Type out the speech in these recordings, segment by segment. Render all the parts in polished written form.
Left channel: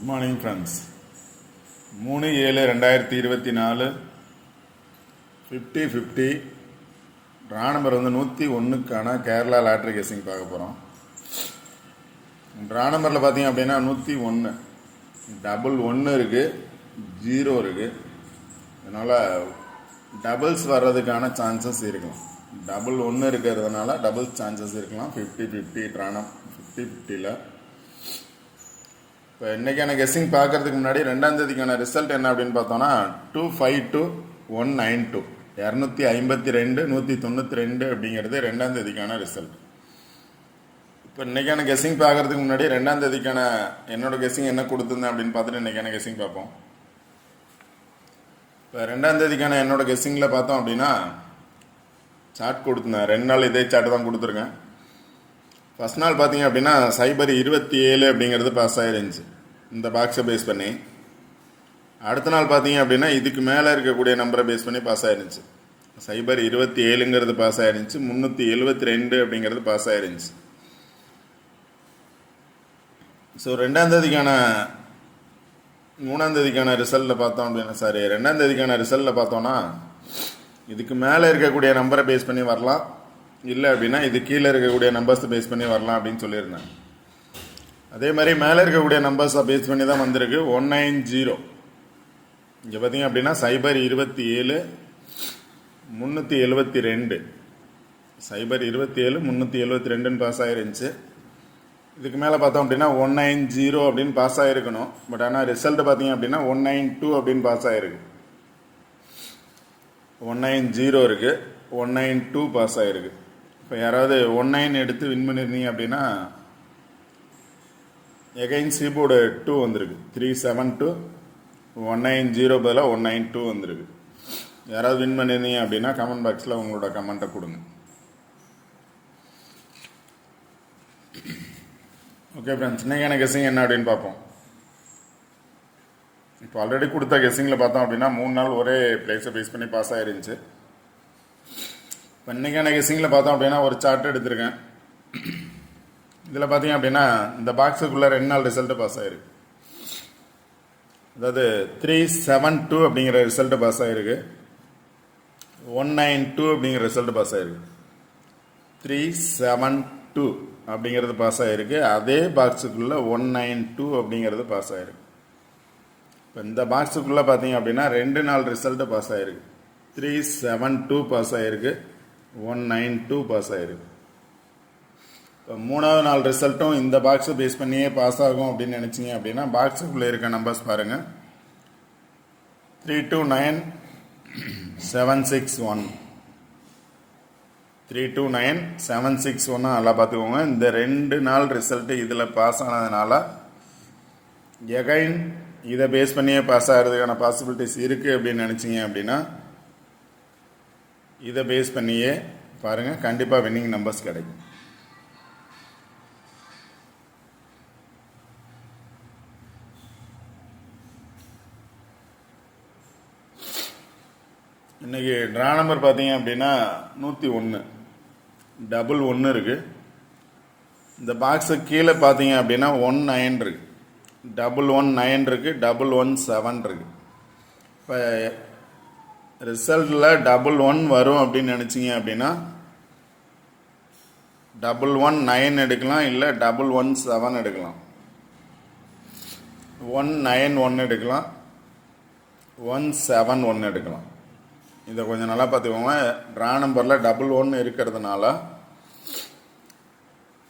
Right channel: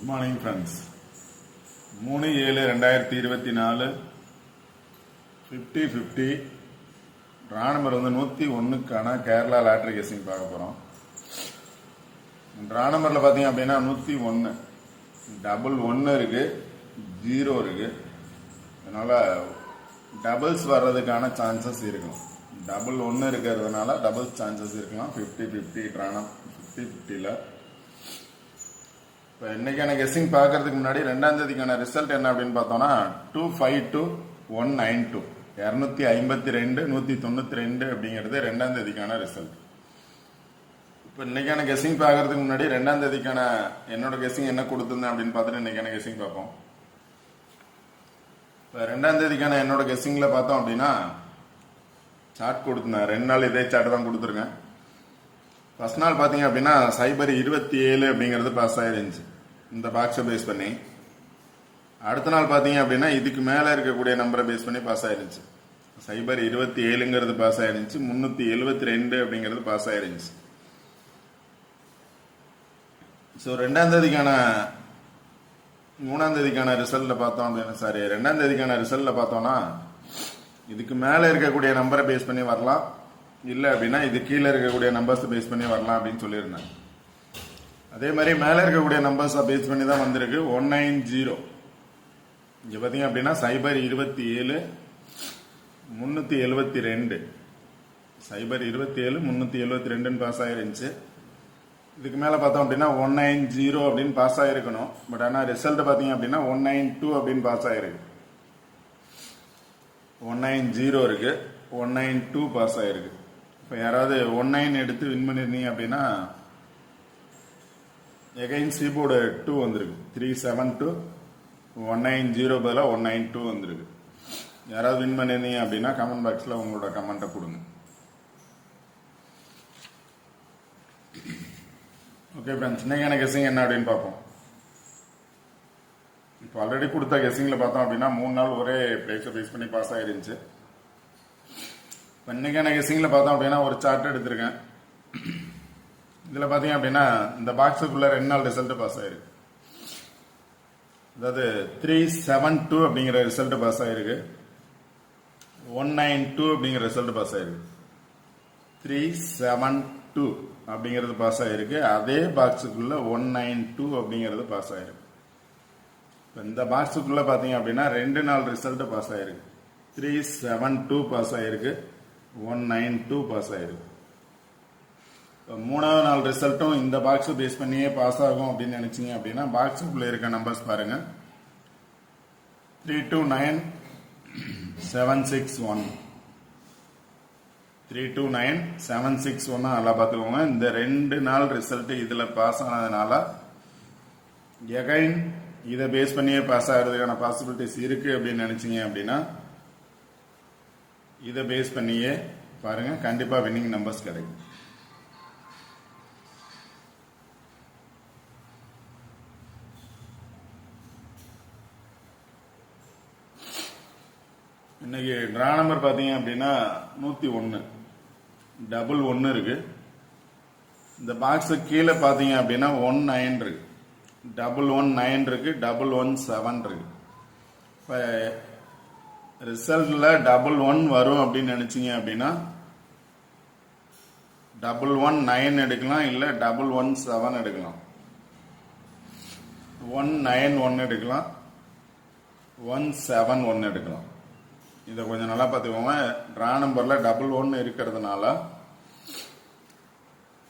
Good morning friends. 3/7/2024 50-50 draw number 101க்கான Kerala lottery guessing பார்க்க போகிறோம். ட்ரா நம்பரில் பார்த்தீங்க அப்படின்னா 101 டபுள் 1 இருக்குது, 0 இருக்குது. அதனால் டபுள்ஸ் வர்றதுக்கான சான்சஸ் இருக்கலாம். டபுள் 1 இருக்கிறதுனால டபுள்ஸ் சான்சஸ் இருக்கலாம். 50-50 ட்ரா நம்பர் 50-50ல் இப்போ இன்றைக்கான கெஸ்ஸிங் பார்க்கறதுக்கு முன்னாடி 2ஆம் தேதிக்கான ரிசல்ட் என்ன அப்படின்னு பார்த்தோன்னா 252-192 252 192 அப்படிங்கிறது 2ஆம் தேதிக்கான ரிசல்ட். இப்போ இன்றைக்கான கெஸ்ஸிங் பார்க்கறதுக்கு முன்னாடி 2ஆம் தேதிக்கான என்னோட கெஸ்ஸிங் என்ன கொடுத்துருந்தேன் அப்படின்னு பார்த்துட்டு இன்றைக்கான கெஸ்ஸிங் பார்ப்போம். இப்போ 2ஆம் தேதிக்கான என்னோட கெஸ்ஸிங்கில் பார்த்தோம் அப்படின்னா சார்ட் கொடுத்துருந்தேன். 2 நாள் இதே சார்ட் தான் கொடுத்துருக்கேன். ஃபர்ஸ்ட் நாள் பார்த்தீங்க அப்படின்னா சைபர் 27 அப்படிங்கிறது பாஸ் ஆகிருந்துச்சு இந்த பாக்ஸை பேஸ் பண்ணி. அடுத்த நாள் பார்த்தீங்க அப்படின்னா இதுக்கு மேலே இருக்கக்கூடிய நம்பரை பேஸ் பண்ணி பாஸ் ஆகிருந்துச்சு. சைபர் 27ங்கிறது பாஸ் ஆகிருந்துச்சு, 372 அப்படிங்கிறது பாஸ் ஆகிருந்துச்சு. ஸோ 2ஆம் தேதிக்கான 3ஆம் தேதிக்கான ரிசல்ட்டில் பார்த்தோம் அப்படின்னா 2ஆம் தேதிக்கான ரிசல்ட்டில் பார்த்தோன்னா இதுக்கு மேலே இருக்கக்கூடிய நம்பரை பேஸ் பண்ணி வரலாம், இல்லை அப்படின்னா இது கீழே இருக்கக்கூடிய நம்பர்ஸை பேஸ் பண்ணி வரலாம் அப்படின்னு சொல்லியிருந்தேன். அதே மாதிரி மேலே இருக்கக்கூடிய நம்பர்ஸை பேஸ் பண்ணி தான் வந்திருக்கு 190. இங்கே பார்த்தீங்க அப்படின்னா சைபர் 27 372 சைபர் 27 372ன்னு பாஸ் ஆகிருந்துச்சு. இதுக்கு மேலே பார்த்தோம் அப்படின்னா 190 அப்படின்னு பாஸ் ஆகிருக்கணும். பட் ஆனால் ரிசல்ட் பார்த்தீங்க அப்படின்னா 192 அப்படின்னு பாஸ் ஆகிருக்கு. 190 இருக்குது, 192 பாஸ் ஆகிருக்கு. இப்போ யாராவது 19 எடுத்து வின் பண்ணியிருந்தீங்க அப்படின்னா எகைன் கீபோர்டு 2 வந்திருக்கு. 372 190 பதிலாக 192 வந்திருக்கு. யாராவது வின் பண்ணியிருந்தீங்க அப்படின்னா கமெண்ட் பாக்ஸில் உங்களோட கமெண்ட்டை கொடுங்க. ஓகே ஃப்ரெண்ட்ஸ், இன்னைக்கான கெஸ்ஸிங் என்ன அப்படின்னு பார்ப்போம். இப்போ ஆல்ரெடி கொடுத்த கெஸ்ஸிங்கில் பார்த்தோம் அப்படின்னா 3 நாள் ஒரே பிளேஸை பேஸ் பண்ணி பாஸ் ஆகிருந்துச்சு. இப்போ இன்றைக்கான கெஸ்ஸிங்கில் பார்த்தோம் அப்படின்னா ஒரு சார்ட் எடுத்திருக்கேன். இதில் பார்த்தீங்க அப்படின்னா இந்த பாக்ஸுக்குள்ளே 2 நாள் ரிசல்ட்டு பாஸ் ஆகிருக்கு. அதாவது 372 அப்படிங்கிற ரிசல்ட்டு பாஸ் ஆகிருக்கு, 192 அப்படிங்கிற ரிசல்ட்டு பாஸ் ஆகிருக்கு. 372 அப்படிங்கிறது பாஸ் ஆகிருக்கு. அதே பாக்ஸுக்குள்ளே 192 அப்படிங்கிறது பாஸ் ஆகிருக்கு. இப்போ இந்த பாக்ஸுக்குள்ளே பார்த்தீங்க அப்படின்னா 2 நாள் ரிசல்ட்டு பாஸ் ஆகிருக்கு. 372 பாஸ் ஆகிருக்கு, 192 பாஸ் ஆகிருக்கு. இப்போ 3ஆவது நாள் ரிசல்ட்டும் இந்த பாக்ஸை பேஸ் பண்ணியே பாஸ் ஆகும் அப்படின்னு நினச்சிங்க அப்படின்னா பாக்ஸுக்குள்ளே இருக்க நம்பர்ஸ் பாருங்கள். 329761 329761 நல்லா பார்த்துக்கோங்க. இந்த 2 நாள் ரிசல்ட்டு இதில் பாஸ் ஆனதுனால எகைன் இதை பேஸ் பண்ணியே பாஸ் ஆகிறதுக்கான பாசிபிலிட்டிஸ் இருக்குது அப்படின்னு நினச்சிங்க அப்படின்னா இதை பேஸ் பண்ணியே பாருங்கள், கண்டிப்பாக வின்னிங் நம்பர்ஸ் கிடைக்கும். இன்றைக்கி ட்ரா நம்பர் பார்த்தீங்க அப்படின்னா 101 டபுள் 1 இருக்குது. இந்த பாக்ஸு கீழே பார்த்தீங்க அப்படின்னா 19 இருக்குது, டபுள் 19 இருக்குது, டபுள் 17 இருக்குது. இப்போ ரிசல்ட்டில் டபுள் 1 வரும் அப்படின்னு நினச்சிங்க அப்படின்னா டபுள் 19 எடுக்கலாம், இல்லை டபுள் 17 எடுக்கலாம், 191 எடுக்கலாம், 171 எடுக்கலாம். இதை கொஞ்சம் நல்லா பார்த்துக்கோங்க. ட்ரா நம்பரில் டபுள் 1 இருக்கிறதுனால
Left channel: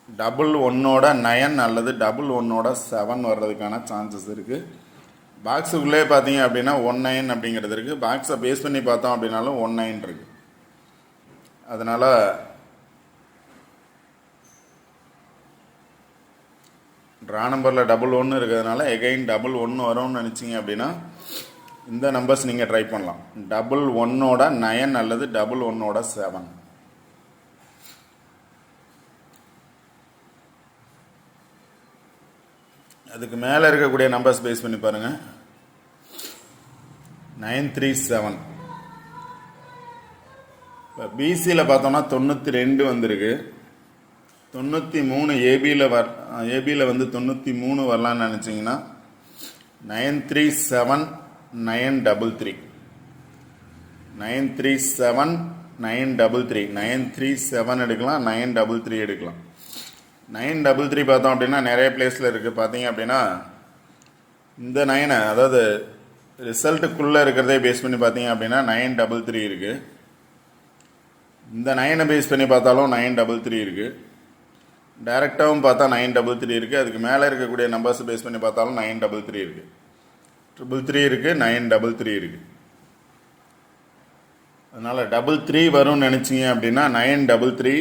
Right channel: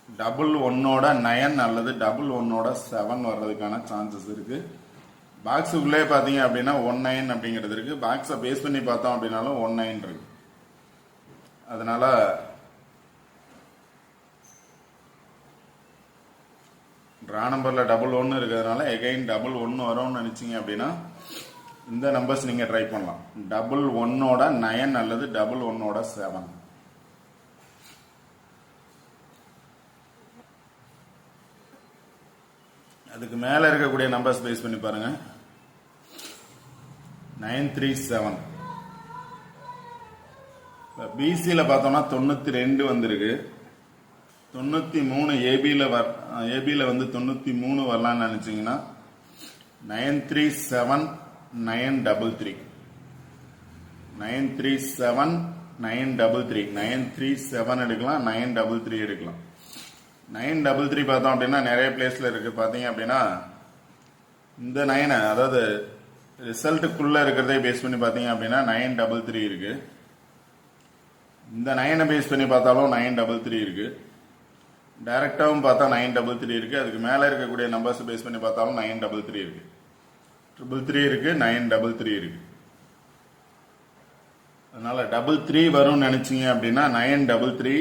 டபுள் 1ஓட 9 அல்லது டபுள் 1ஓட 7 வர்றதுக்கான சான்சஸ் இருக்குது. பாக்ஸுக்குள்ளே பார்த்தீங்க அப்படின்னா 19 அப்படிங்கிறது இருக்குது. பாக்ஸை பேஸ் பண்ணி பார்த்தோம் அப்படின்னாலும் 19 இருக்குது. அதனால் ட்ரா நம்பரில் டபுள் 1 இருக்கிறதுனால எகைன் டபுள் 1 வரும்னு நினச்சிங்க அப்படின்னா இந்த நம்பர்ஸ் நீங்கள் ட்ரை பண்ணலாம். டபுள் 1ஓட 9 அல்லது டபுள் 1ஓட 7. அதுக்கு மேலே இருக்கக்கூடிய நம்பர்ஸ் பேஸ் பண்ணி பாருங்கள். 937 பிசியில் பார்த்தோம்னா 92 வந்திருக்கு. 93 ஏபியில் வந்து 93 வரலான்னு நினச்சிங்கன்னா 937933 937933 937 எடுக்கலாம், 933 எடுக்கலாம். 933 பார்த்தோம் அப்படின்னா நிறைய பிளேஸில் இருக்குது. பார்த்தீங்க அப்படின்னா இந்த 9 அதாவது ரிசல்ட்டுக்குள்ளே இருக்கிறதே பேஸ் பண்ணி பார்த்தீங்க அப்படின்னா 933 இருக்குது. இந்த 9 பேஸ் பண்ணி பார்த்தாலும் 933 இருக்குது. டைரெக்டாகவும் பார்த்தா 933 இருக்குது. அதுக்கு மேலே இருக்கக்கூடிய நம்பர்ஸ் பேஸ் பண்ணி பார்த்தாலும் 933 இருக்குது. 333 இருக்குது, 933 இருக்குது. அதனால் 33 வரும்னு நினச்சிங்க அப்படின்னா 933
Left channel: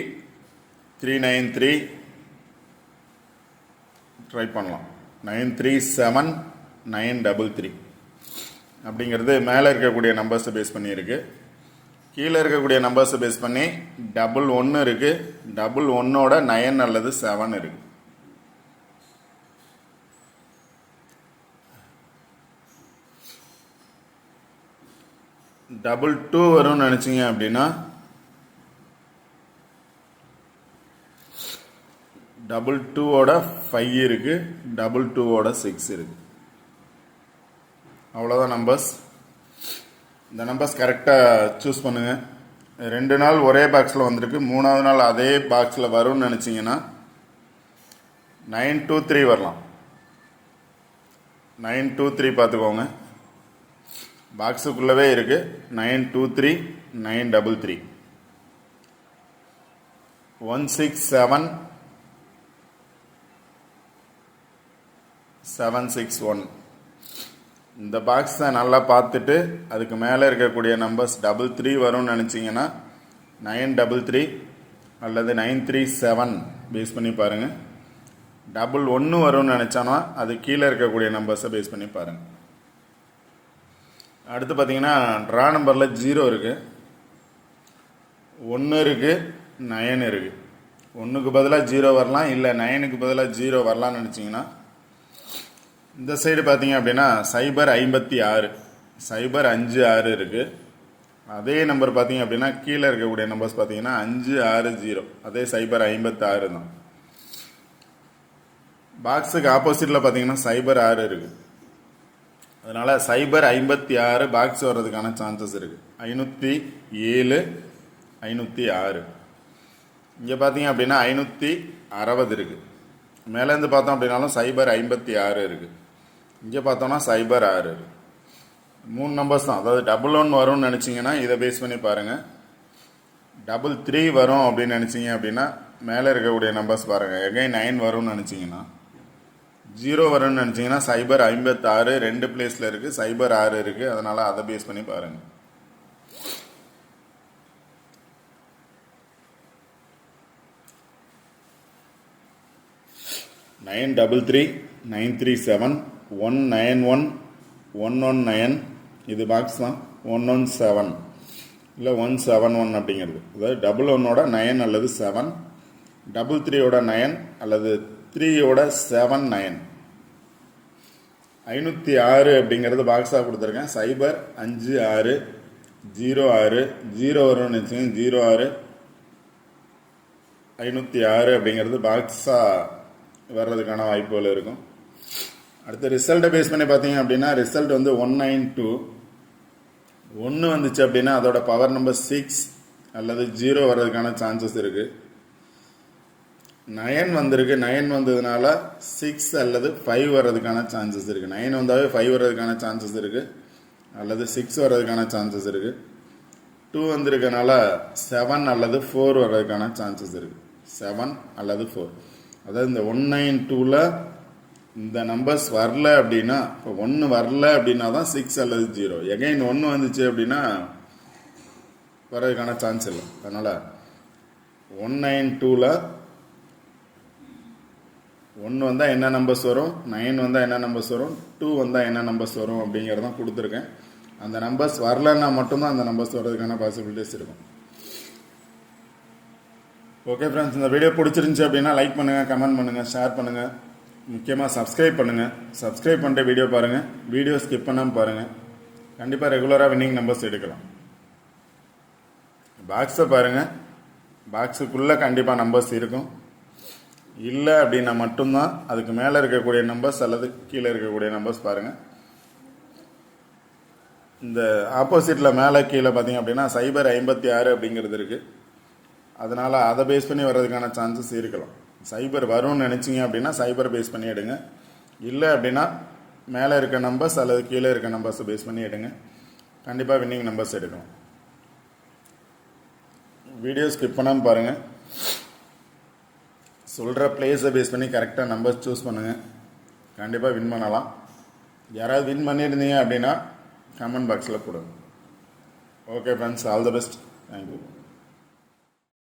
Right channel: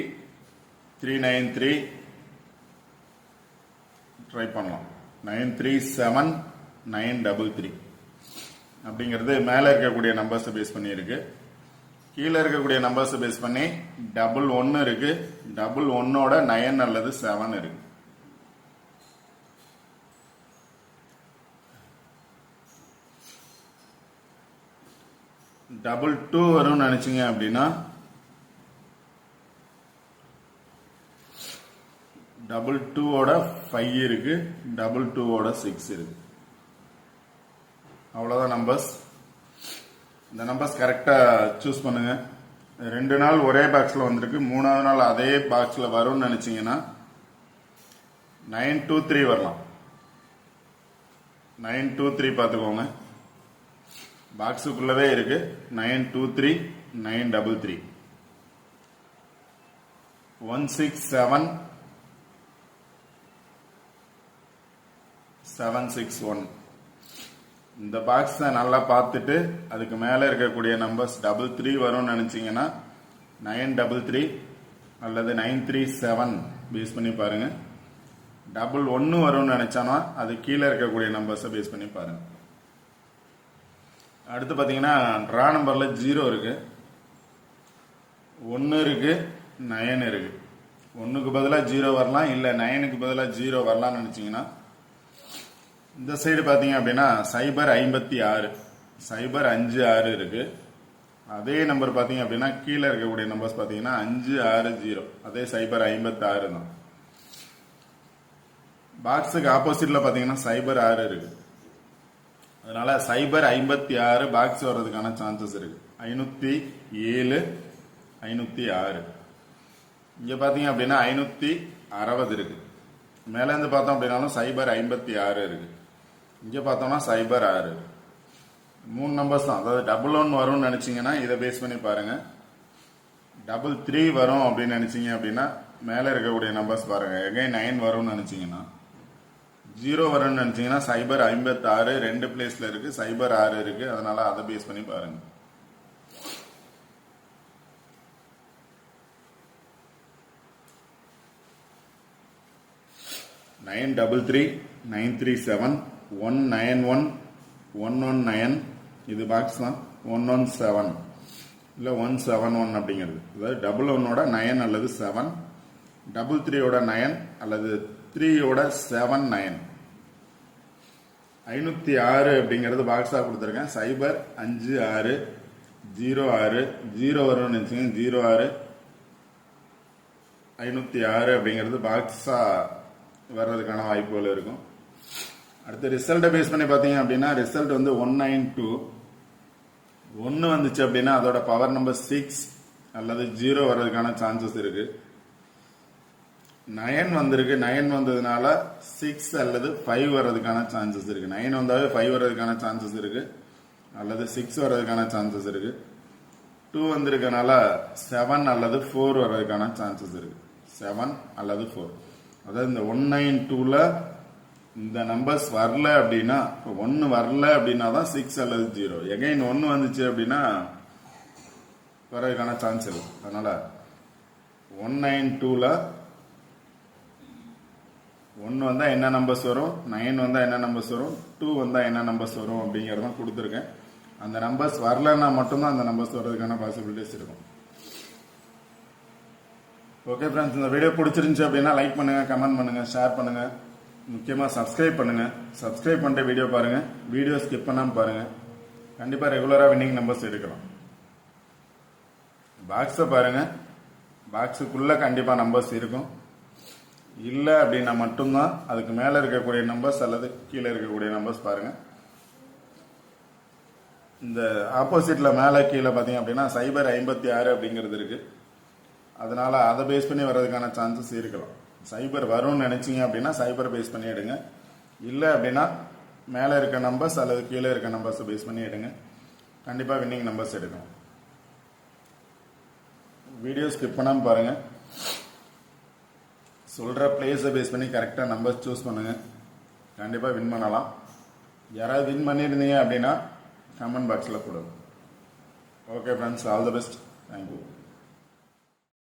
393 ட்ரை பண்ணலாம். 937933 அப்படிங்கிறது மேலே இருக்கக்கூடிய நம்பர்ஸை பேஸ் பண்ணி இருக்கு. கீழே இருக்கக்கூடிய நம்பர்ஸை பேஸ் பண்ணி 11 இருக்கு. 11ஓட 9 அல்லது 7 இருக்கு. டபுள் 2 வரும்னு நினைச்சீங்க அப்படின்னா 22ஓட 5 இருக்கு. 22ஓட 6 இருக்கு. அவ்வளோதான் நம்பர்ஸ். இந்த நம்பர்ஸ் கரெக்டாக சூஸ் பண்ணுங்க. 2 நாள் ஒரே பாக்ஸில் வந்திருக்கு. 3ஆவது நாள் அதே பாக்ஸில் வரும்னு நினச்சிங்கன்னா 923 வரலாம். 923 பார்த்துக்கோங்க. பாக்ஸுக்குள்ளவே இருக்கு. 923 933 167 761. இந்த பாக்ஸை நல்லா பார்த்துட்டு அதுக்கு மேலே இருக்கக்கூடிய நம்பர்ஸ் 33 வரும்னு நினச்சிங்கன்னா 933 அல்லது 937 பேஸ் பண்ணி பாருங்கள். 11 வரும்னு நினச்சோன்னா அது கீழே இருக்கக்கூடிய நம்பர்ஸை பேஸ் பண்ணி பாருங்கள். அடுத்து பார்த்தீங்கன்னா ட்ரா நம்பரில் 0 இருக்குது, 1 இருக்குது, 9 இருக்குது. 1க்கு பதிலாக 0 வரலாம், இல்லை 9க்கு பதிலாக 0 வரலாம்னு நினச்சிங்கன்னா இந்த சைடு பார்த்தீங்க அப்படின்னா 056 056 இருக்குது. அதே நம்பர் பார்த்தீங்க அப்படின்னா கீழே இருக்கக்கூடிய நம்பர்ஸ் பார்த்தீங்கன்னா 560 அதே 056 தான். பாக்ஸுக்கு ஆப்போசிட்டில் பார்த்தீங்கன்னா 06 இருக்குது. அதனால 056 பாக்ஸ் வர்றதுக்கான சான்சஸ் இருக்குது. 507 506. இங்கே பார்த்தீங்க அப்படின்னா 560 இருக்குது. மேலேருந்து பார்த்தோம் அப்படின்னாலும் 056 இருக்குது. இங்கே பார்த்தோம்னா 06. 3 நம்பர்ஸ் தான். அதாவது 11 வரும்னு நினச்சிங்கன்னா இதை பேஸ் பண்ணி பாருங்கள். 33 வரும் அப்படின்னு நினச்சிங்க அப்படின்னா மேலே இருக்கக்கூடிய நம்பர்ஸ் பாருங்கள். எகைன் 9 வரும்னு நினச்சிங்கன்னா 0 வரும்னு நினச்சிங்கன்னா 056 2 பிளேஸில் இருக்குது. 06 இருக்குது. அதனால் அதை பேஸ் பண்ணி பாருங்கள். நைன் 937 191 119 இது பாக்ஸ் தான். 117 இல்லை 171 அப்படிங்கிறது. அதாவது 11ஓட 9 அல்லது 7, 33ஓட 9 அல்லது 3ஓட 7 9. 506 அப்படிங்கிறது பாக்ஸாக கொடுத்துருக்கேன். 056 06 0 வரும்னு நினச்சிங்க 06 506 அப்படிங்கிறது பாக்ஸாக வர்றதுக்கான வாய்ப்புகள் இருக்கும். அடுத்த ரிசல்ட்டை பேஸ் பண்ணி பார்த்தீங்க அப்படின்னா ரிசல்ட் வந்து 192. 1 வந்துச்சு அப்படின்னா அதோட பவர் நம்பர் 6 அல்லது 0 வர்றதுக்கான சான்சஸ் இருக்குது. 9 வந்திருக்கு. 9 வந்ததுனால 6 அல்லது 5 வர்றதுக்கான சான்சஸ் இருக்குது. 9 வந்தாவே 5 வர்றதுக்கான சான்சஸ் இருக்குது அல்லது 6 வர்றதுக்கான சான்சஸ் இருக்குது. 2 வந்திருக்கனால 7 அல்லது 4 வர்றதுக்கான சான்சஸ் இருக்குது. 7 அல்லது 4. அதாவது இந்த 192ல் இந்த நம்பர்ஸ் வரல அப்படின்னா, இப்போ 1 வரல அப்படின்னா தான் 6 அல்லது 0. எகைன் 1 வந்துச்சு அப்படின்னா வர்றதுக்கான சான்ஸ் இல்லை. அதனால் 192ல் 1 வந்தால் என்ன நம்பர்ஸ் வரும், 9 வந்தால் என்ன நம்பர்ஸ் வரும், 2 வந்தால் என்ன நம்பர்ஸ் வரும் அப்படிங்கிறதான் கொடுத்துருக்கேன். அந்த நம்பர்ஸ் வரலன்னா மட்டும்தான் அந்த நம்பர்ஸ் வர்றதுக்கான பாசிபிலிட்டிஸ் இருக்கும். ஓகே ஃப்ரெண்ட்ஸ், இந்த வீடியோ பிடிச்சிருந்துச்சு அப்படின்னா லைக் பண்ணுங்கள், கமெண்ட் பண்ணுங்கள், ஷேர் பண்ணுங்கள், முக்கியமாக சப்ஸ்கிரைப் பண்ணுங்கள். சப்ஸ்கிரைப் பண்ணிட்டு வீடியோ பாருங்கள். வீடியோ ஸ்கிப் பண்ணாமல் பாருங்கள். கண்டிப்பாக ரெகுலராக வின்னிங் நம்பர்ஸ் எடுக்கலாம். பாக்ஸை பாருங்கள். பாக்ஸுக்குள்ளே கண்டிப்பாக நம்பர்ஸ் இருக்கும். இல்லை அப்படின்னா மட்டும்தான் அதுக்கு மேலே இருக்கக்கூடிய நம்பர்ஸ் அல்லது கீழே இருக்கக்கூடிய நம்பர்ஸ் பாருங்கள். இந்த ஆப்போசிட்டில் மேலே கீழே பார்த்தீங்க அப்படின்னா சைபர் 56 அப்படிங்கிறது இருக்குது. அதனால் அதை பேஸ் பண்ணி வர்றதுக்கான சான்சஸ் இருக்கலாம். சைபர் வரும்னு நினச்சிங்க அப்படின்னா சைபர் பேஸ் பண்ணி எடுங்க. இல்லை அப்படின்னா மேலே இருக்க நம்பர்ஸ் அல்லது கீழே இருக்க நம்பர்ஸை பேஸ் பண்ணி எடுங்க. கண்டிப்பாக வின்னிங் நம்பர்ஸ் எடுக்கும். வீடியோ ஸ்கிப் பண்ணாமல் பாருங்கள். சொல்கிற பிளேஸை பேஸ் பண்ணி கரெக்டாக நம்பர்ஸ் சூஸ் பண்ணுங்கள். கண்டிப்பாக வின் பண்ணலாம். யாராவது வின் பண்ணியிருந்தீங்க அப்படின்னா கமெண்ட் பாக்ஸில் கொடுங்க. Okay friends, all the best. Thank you.